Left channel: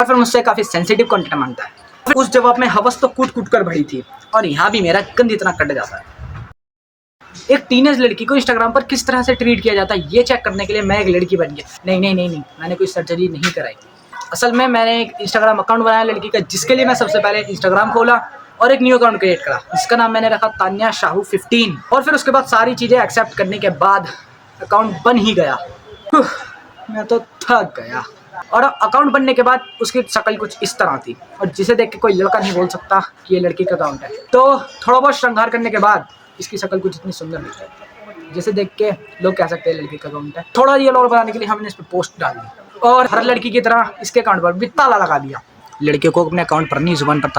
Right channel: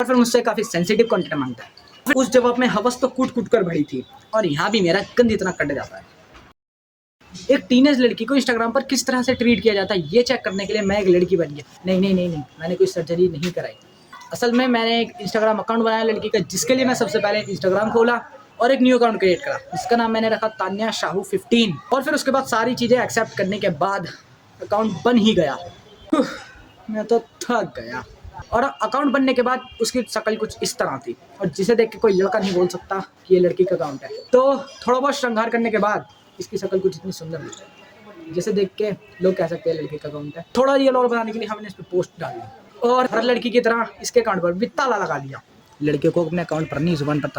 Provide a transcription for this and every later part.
और फिर मुझसे काफ़ी सेंसिटिव कंटेंट मांगता है। फिर उस जवाब में हवस तो कूट कूट कर भरी थी और यहाँ भी मेरा गंद इतना कट जाता है। एक टीनेज लड़की को इंस्टाग्राम पर किस तरह से ट्रीट किया जाता है ये चेक करने के लिए मैं एक लड़की बन गया। नहीं, मैंने कोई सर्जरी नहीं कराई। असल में मैंने एक इंस्टाग्राम अकाउंट बनाया लड़की का, जिसके लिए मैं सबसे पहले इंस्टाग्राम खोला और एक न्यू अकाउंट क्रिएट करा। इसका नाम मैंने रखा तान्या शाहू 15। और फिर उसके बाद सारी चीज़ें एक्सेप्ट करने के बाद अकाउंट बन ही गया। मैं तो थक गया। और अकाउंट बनने के बाद उसकी शक्ल कुछ इस तरह थी और जिसे देख के कोई लड़का नहीं बोल सकता कि ये लड़की का अकाउंट है। तो थोड़ा बहुत श्रृंगार करने के बाद इसकी शक्ल कुछ इतनी सुंदर नहीं है जिसे देख के लोग कह सकते हैं लड़की का अकाउंट है। थोड़ा ये लोग बनाने के लिए हमने इस पर पोस्ट डाल दी और हर लड़की की तरह इसके अकाउंट पर भी ताला लगा दिया। लड़कियों को अपने अकाउंट पर नहीं जुबान पर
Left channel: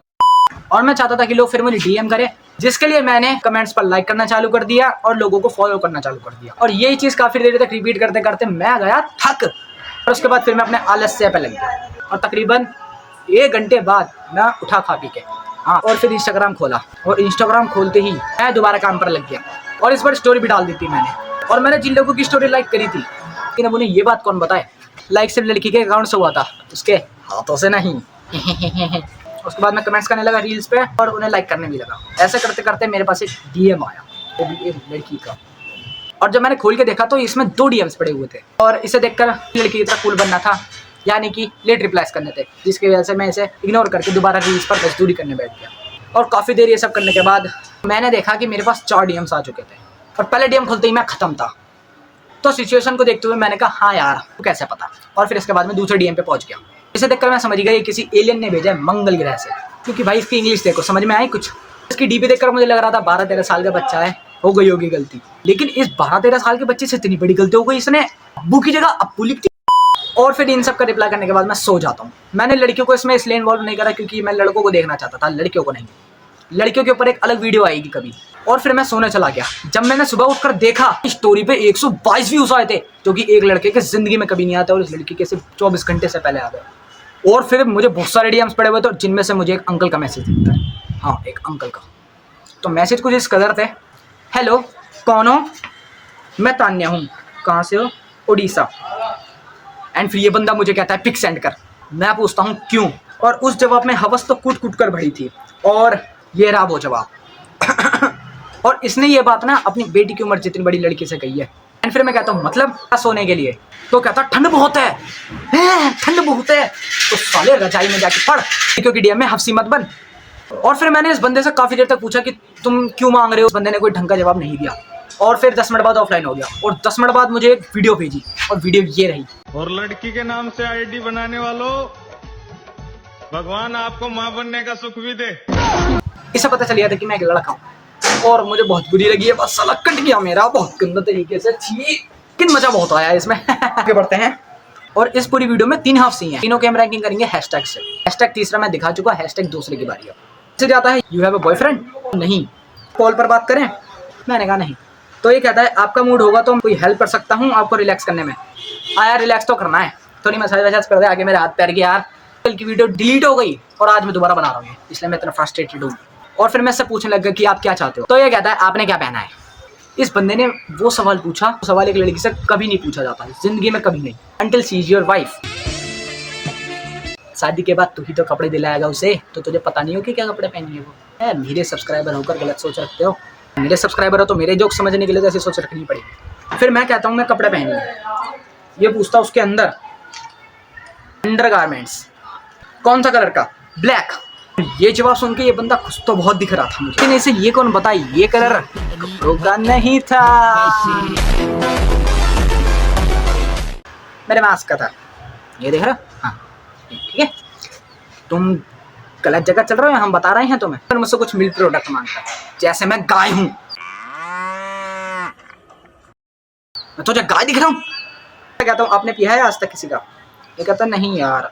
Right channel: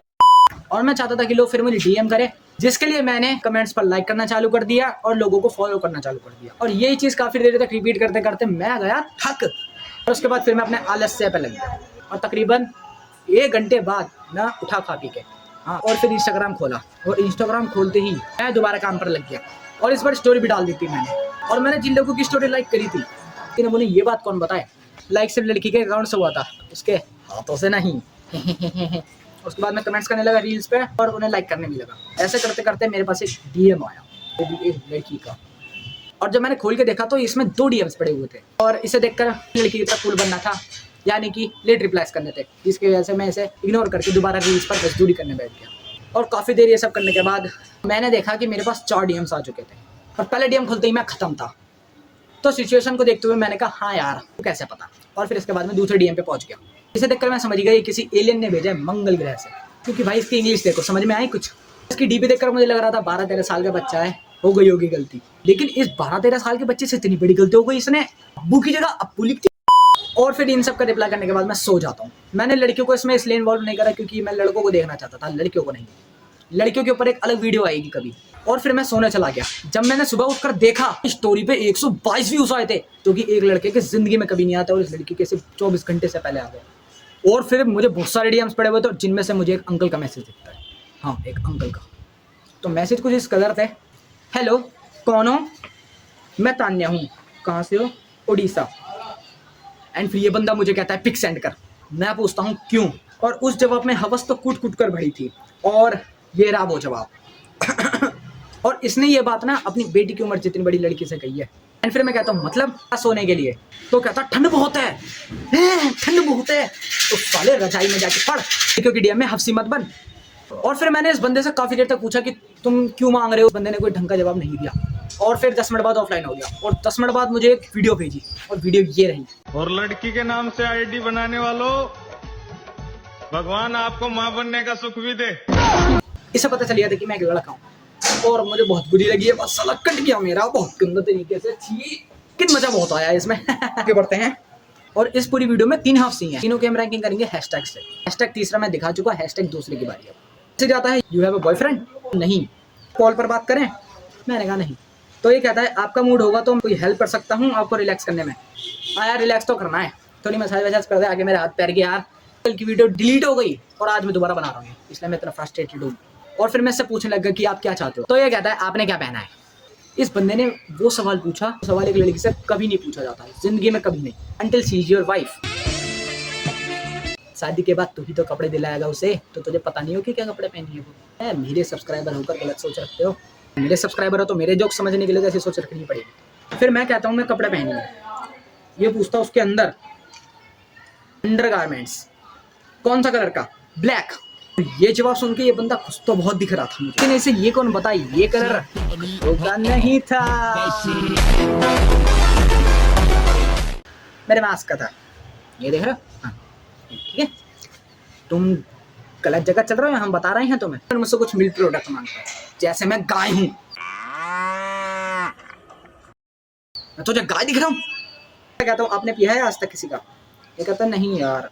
और मैं चाहता था कि लोग फिर मुझे डीएम करें, जिसके लिए मैंने कमेंट्स पर लाइक करना चालू कर दिया और लोगों को फॉलो करना चालू कर दिया। और यही चीज़ काफ़ी देर तक रिपीट करते करते मैं गया थक। और उसके बाद फिर मैं अपने आलस्य पे लग गया और तकरीबन 1 घंटे बाद मैं उठा खा पी के और फिर इंस्टाग्राम खोला और इंस्टाग्राम खोलते ही मैं दोबारा काम पर लग गया और इस पर स्टोरी भी डाल दी थी मैंने। और मैंने जिन लोगों की स्टोरी लाइक करी थी लेकिन अब उन्हें ये बात कौन बताए, लाइक सिर्फ लड़की के अकाउंट से हुआ था, उसके हाथों से नहीं। उसके बाद मैं कमेंट्स करने लगा रील्स पे और उन्हें लाइक करने भी लगा। ऐसे करते करते मेरे पास एक डीएम आया, वो भी एक लड़की का। और जब मैंने खोल के देखा तो इसमें 2 डीएम्स पड़े हुए थे और इसे देखकर लड़की की तरह कूल बनना था, यानी कि लेट रिप्लाईज करने थे, जिसकी वजह से मैं इसे इग्नोर करके दोबारा रील्स पर मजदूरी करने बैठ गया। और काफ़ी देर ये सब करने के बाद मैंने देखा कि मेरे पास 4 डीएम्स आ चुके थे और पहले डीएम खुलते ही मैं ख़त्म था। तो सिचुएशन को देखते हुए मैंने कहा हाँ यार तो कैसे पता। और फिर इसके बाद मैं दूसरे डीएम पे पहुंच गया। इसे देखकर मैं समझ गया ये किसी एलियन ने भेजा है मंगल ग्रह से, क्योंकि भाई इसकी इंग्लिश देखो समझ में आई कुछ। इसकी डीपी देखकर मुझे लग रहा था 12-13 साल का बच्चा है, हो गई होगी गलती। लेकिन इस 12-13 साल के बच्चे से इतनी बड़ी गलती हो गई, इसने अब्बू की जगह अप्पू लिख दी। और फिर इन सब का रिप्लाई करने के बाद मैं सो जाता हूँ। मैंने लड़कियों को इसमें इसलिए इन्वॉल्व नहीं करा क्योंकि मैं लड़कों को देखना चाहता था, लड़कियों को नहीं। लड़कियों के ऊपर एक अलग वीडियो आएगी कभी। और फिर मैं सोने चला गया। जब मैंने सुबह उठकर देखा स्टोरी पे 122 व्यूज आए थे, जो कि एक लड़के के जिंदगी में कभी नहीं आते और इस लड़की के सिर्फ 24 घंटे से पहले आ गए। और फिर मुझे बहुत सारे डीएम्स पड़े हुए थे जिनमें से मुझे एक अंकल का मैसेज दिखता है। हाँ, एक अंकल का। तो मैसेज कुछ इस कदर थे, हेलो कौन हो, मैं तान्या हूँ, कहाँ से हो, उड़ीसा। एंड फिर ये बंदा मुझे कहता है पिक सेंड कर। मैं पूछता हूँ क्यों, और उस जवाब में हवस तो कूट कूट कर भरी थी और ये रहा वो जवाब। और इसने ये बात ना अपनी बेटी की उम्र जितनी बड़ी लड़की से कही है। एंड फिर मैं कहता हूँ मतलब सोने के लिए, तो कहता ठंड बहुत है, ठंड बहुत है, तो साले रजाई में जाके पढ़, क्योंकि डीएम में हफ्सी मत बन। और फिर मैंने इस बंदे से काफ़ी देर तक पूछा कि तुम क्यों मांग रहे हो। उस बंदे ने कोई ढंग का जवाब नहीं दिया और फिर 10 मिनट बाद ऑफलाइन हो गया। और 10 मिनट बाद मुझे एक वीडियो भेजी और वीडियो ये रही। और लड़की के नाम से आईडी बनाने वालों, भगवान आपको मां बनने का सुख भी दे। इसे पता चल गया था कि मैं एक लड़का हूँ और मुझे बहुत बुरी लगी है, बस साला कट गया मेरा बहुत गंदा तरीके से। लेकिन मजा बहुत आया इसमें। आगे बढ़ते हैं। और इस पूरी वीडियो में 3 हाफ हैं, तीनों की हम रैंकिंग करेंगे हैशटैग से। हैशटैग तीसरा मैं दिखा चुका, हैशटैग दूसरे की बारी है। से जाता है यू हैव अ बॉयफ्रेंड, नहीं। कॉल पर बात करें, मैंने कहा नहीं। तो ये कहता है आपका मूड होगा तो कोई हेल्प कर सकता हूँ आपको रिलैक्स करने में। यार रिलैक्स तो करना है, थोड़ी मसाज वसाज कर दे। आगे मेरे हाथ पैर के यार कल की वीडियो डिलीट हो गई और आज मैं दोबारा बना रहा हूँ, इसलिए मैं इतना फ्रस्ट्रेटेड हूँ। और फिर मैं इससे पूछने लग गया कि आप क्या चाहते हो। तो ये कहता है आपने क्या पहना है। इस बंदे ने वो सवाल पूछा, सवाल एक लड़की से कभी नहीं पूछा जाता है, जिंदगी में कभी नहीं, until she is your wife. शादी के बाद तू ही तो कपड़े दिलाएगा उसे, तो तुझे पता नहीं हो कि क्या कपड़े पहनी है वो है। मेरे सब्सक्राइबर होकर गलत सोच रखते हो, मेरे सब्सक्राइबर हो तो मेरे जोक समझने के लिए ऐसी सोच रखनी पड़ेगी। फिर मैं कहता हूँ मैं कपड़े पहनी, ये पूछता उसके अंदर अंडरगारमेंट्स कौन सा कलर का, ब्लैक। ये जवाब सुन के ये बंदा खुश तो बहुत दिख रहा था मुझे, लेकिन इसे ये कौन बताए ये कलर होगा नहीं था, मेरे मास्क का था। ये देख रहा, हाँ ठीक है, तुम गलत जगह चल रहे हो, हम बता रहे हैं तुम्हें। फिर मुझसे कुछ मिल्क प्रोडक्ट मांगता है, जैसे मैं गाय हूं, मैं तुझे गाय दिख रहा हूं। मैं कहता हूँ आपने पिया है आज तक किसी का, ये कहता नहीं यार,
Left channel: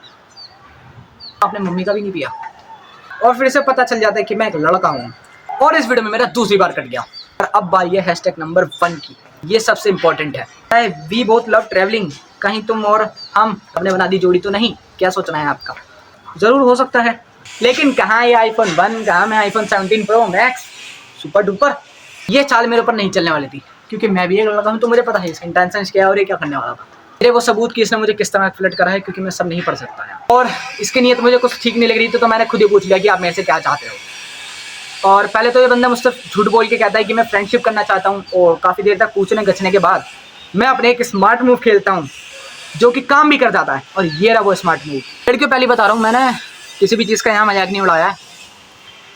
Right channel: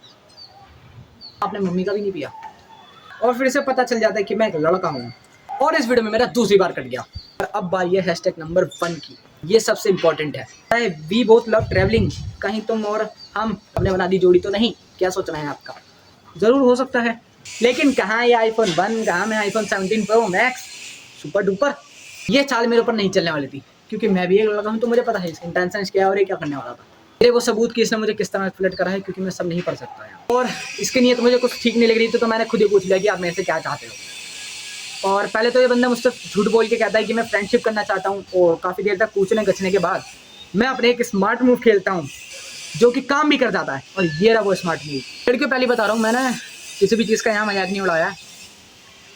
आपने मम्मी का भी नहीं पिया। और फिर से पता चल जाता है कि मैं एक लड़का हूँ। और इस वीडियो में मेरा दूसरी बार कट गया। और अब बारी है हैशटैग नंबर 1 की, ये सबसे इंपॉर्टेंट है। वी बोथ लव ट्रैवलिंग, कहीं तुम और हम हमने बना दी जोड़ी तो नहीं, क्या सोचना है आपका। ज़रूर हो सकता है, लेकिन कहाँ ये iPhone 1, कहाँ मैं iPhone 17 Pro Max super duper. ये चाल मेरे ऊपर नहीं चलने वाली थी, क्योंकि मैं भी एक लड़का हूँ, तो मुझे पता है इसका इंटेंशन क्या है और ये क्या करने वाला था। मेरे वो सबूत कि इसने मुझे किस तरह फ्लर्ट करा है, क्योंकि मैं सब नहीं पढ़ सकता है। और इसकी नीयत मुझे कुछ ठीक नहीं लग रही थी, तो मैंने खुद ही पूछ लिया कि आप मेरे से क्या चाहते हो। और पहले तो ये बंदा मुझसे झूठ बोल के कहता है कि मैं फ्रेंडशिप करना चाहता हूँ, और काफ़ी देर तक पूछने गछने के बाद मैं अपने एक स्मार्ट मूव खेलता हूँ जो कि काम भी कर जाता है। और ये रहा वो स्मार्ट मूव। लड़कियों पहले बता रहा हूँ, मैंने किसी भी चीज़ का यहाँ मजाक नहीं उड़ाया,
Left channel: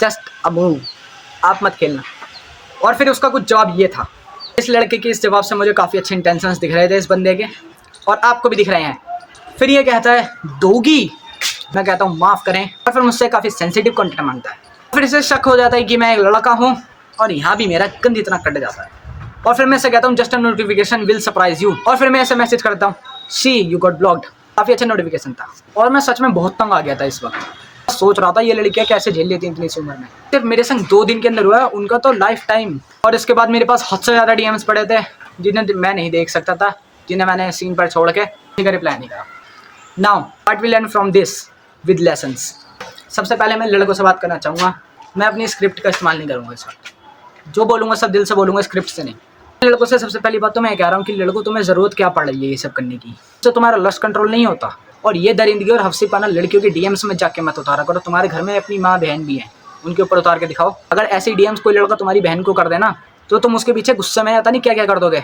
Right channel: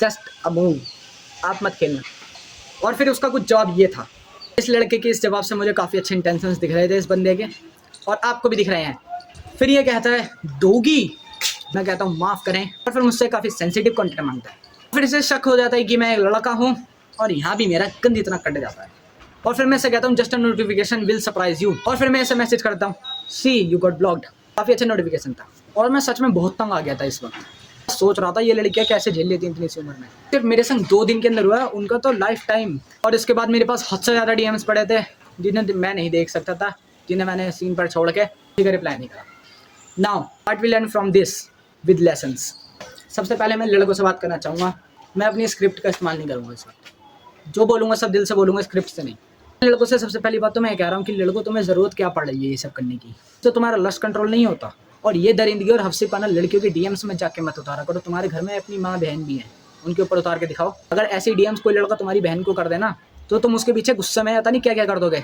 जस्ट अ मूव, आप मत खेलना। और फिर उसका कुछ जवाब ये था। इस लड़के के इस जवाब से मुझे काफ़ी अच्छे इंटेंशंस दिख रहे थे इस बंदे के, और आपको भी दिख रहे हैं। फिर ये कहता है दोगी, मैं कहता हूँ माफ़ करें, और फिर मुझसे काफ़ी सेंसिटिव कंटेंट मांगता है। फिर इसे शक हो जाता है कि मैं एक लड़का हूँ, और यहाँ भी मेरा गंद इतना कट जाता है। और फिर मैं इसे कहता हूँ just a notification will surprise you, और फिर मैं ऐसे मैसेज करता हूँ सी यू गॉट ब्लॉक्ड। काफ़ी अच्छा नोटिफिकेशन था, और मैं सच में बहुत तंग आ गया था इस वक्त। सोच रहा था ये लड़कियाँ कैसे झेल लेती हैं इतनी सी उम्र में। सिर्फ मेरे संग 2 दिन के अंदर हुआ, उनका तो लाइफ टाइम। और इसके बाद मेरे पास हद से ज़्यादा डीएम्स पड़े थे जिन्हें मैं नहीं देख सकता था, जिन्हें मैंने सीन पर छोड़ के ठीक है रिप्लाई नहीं करा। Now what we learn from this with lessons. सबसे पहले मैं लड़कों से बात करना चाहूँगा, मैं अपनी स्क्रिप्ट का इस्तेमाल नहीं करूँगा इस वक्त। जो बोलूँगा सब दिल से बोलूँगा, स्क्रिप्ट से नहीं। लड़कों से सबसे पहली बात तो मैं कह रहा हूँ कि लड़कों तुम्हें ज़रूरत क्या पड़ रही है ये सब करने की, तो तुम्हारा लस्ट कंट्रोल नहीं होता। और ये दरिंदगी और हफ्सीपना लड़कियों के डीएम्स में जाके मत उतारा करो। तुम्हारे घर में अपनी माँ बहन भी हैं, उनके ऊपर उतार के दिखाओ। अगर ऐसे डीएम्स कोई लड़का तुम्हारी बहन को कर देना, तो तुम उसके पीछे गुस्से में आता नहीं क्या क्या कर दोगे।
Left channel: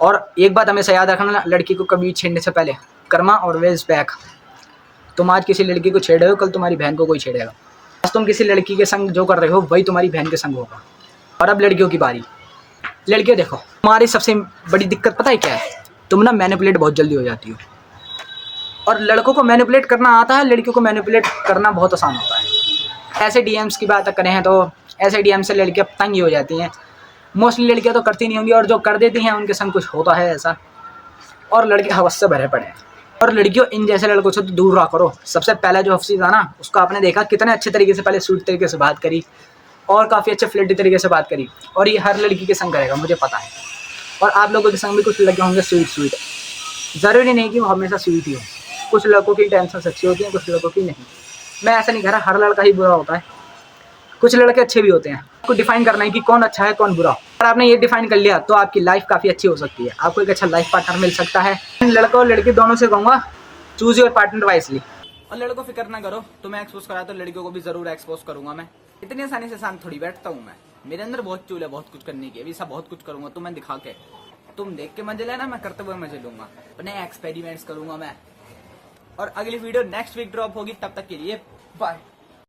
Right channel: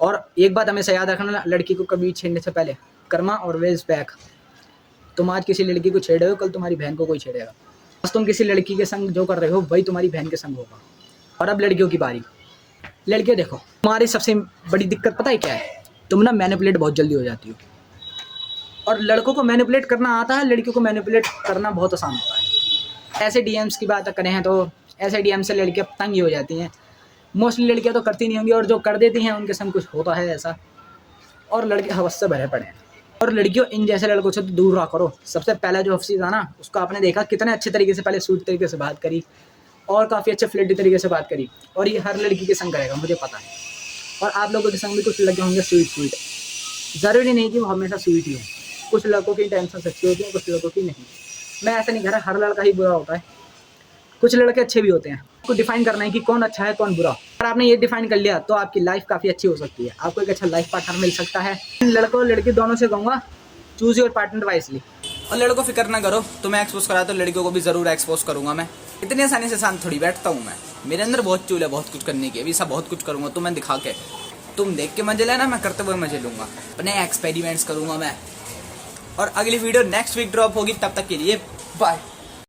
और एक बात हमेशा याद रखना, लड़की को कभी छेड़ने से पहले कर्मा और वेल्स बैक। तुम आज किसी लड़की को छेड़ रहे हो, कल तुम्हारी बहन को कोई छेड़ेगा। आज तुम किसी लड़की के संग जो कर रहे हो वही तुम्हारी बहन के संग होगा। और अब लड़कियों की बारी। लड़कियाँ देखो, तुम्हारी सबसे बड़ी दिक्कत पता है क्या है? तुम ना मैनिपुलेट बहुत जल्दी हो जाती हो। और लड़कों को मैनिपुलेट करना आता है, लड़कियों को मैनिपुलेट करना बहुत आसान होता है। ऐसे डीएम्स की बात करें तो ऐसे डीएम से लड़कियाँ तंग ही हो जाती हैं। मोस्टली लड़कियाँ तो करती नहीं होंगी, और जो कर देती हैं उनके संग कुछ होता है ऐसा। और लड़के हवस से भरे पड़े हैं। और लड़कियों इन जैसे लड़कों से तो दूर रहा करो। सबसे पहला जो हफ्सी था ना, उसको आपने देखा कितने अच्छे तरीके से पहले स्वीट तरीके से बात करी, और काफ़ी अच्छे फ्लर्टी तरीके से बात करी। और ये हर लड़की के संग करेगा, मुझे पता है। और आप लोगों के संग भी कुछ लड़के होंगे स्वीट। ज़रूरी नहीं कि वो हमेशा स्वीट ही हो। कुछ लड़कों की टेंशन अच्छी होती है, कुछ लड़कों की नहीं। मैं ऐसा नहीं कह रहा हर लड़का ही बुरा होता है, कुछ लड़के अच्छे भी होते हैं। आपको डिफाइन करना है कि कौन अच्छा है कौन बुरा। और आपने ये डिफाइन कर लिया तो आपकी लाइफ काफ़ी अच्छी हो सकती है, आपको एक अच्छा लाइफ पार्टनर मिल सकता है। लड़का और लड़की दोनों से कहूँगा चूज योर पार्टनर वाइसली। और लड़कों फिक्र ना करो, तुम्हें एक्सपोज करा तो लड़कियों को भी ज़रूर एक्सपोज करूँगा मैं। इतनी आसानी से शांत थोड़ी बैठता हूँ मैं, मेरे अंदर बहुत चूल है बहुत कुछ करने की। अभी सब बहुत कुछ करूँगा तुम्हें दिखा के, तुम देख के मजे लेना, मैं करते हुए मजे लूँगा, अपने एक्सपेरिमेंट्स करूँगा मैं। और अगली वीडियो नेक्स्ट वीक ड्रॉप होगी, तब तक के लिए बाय।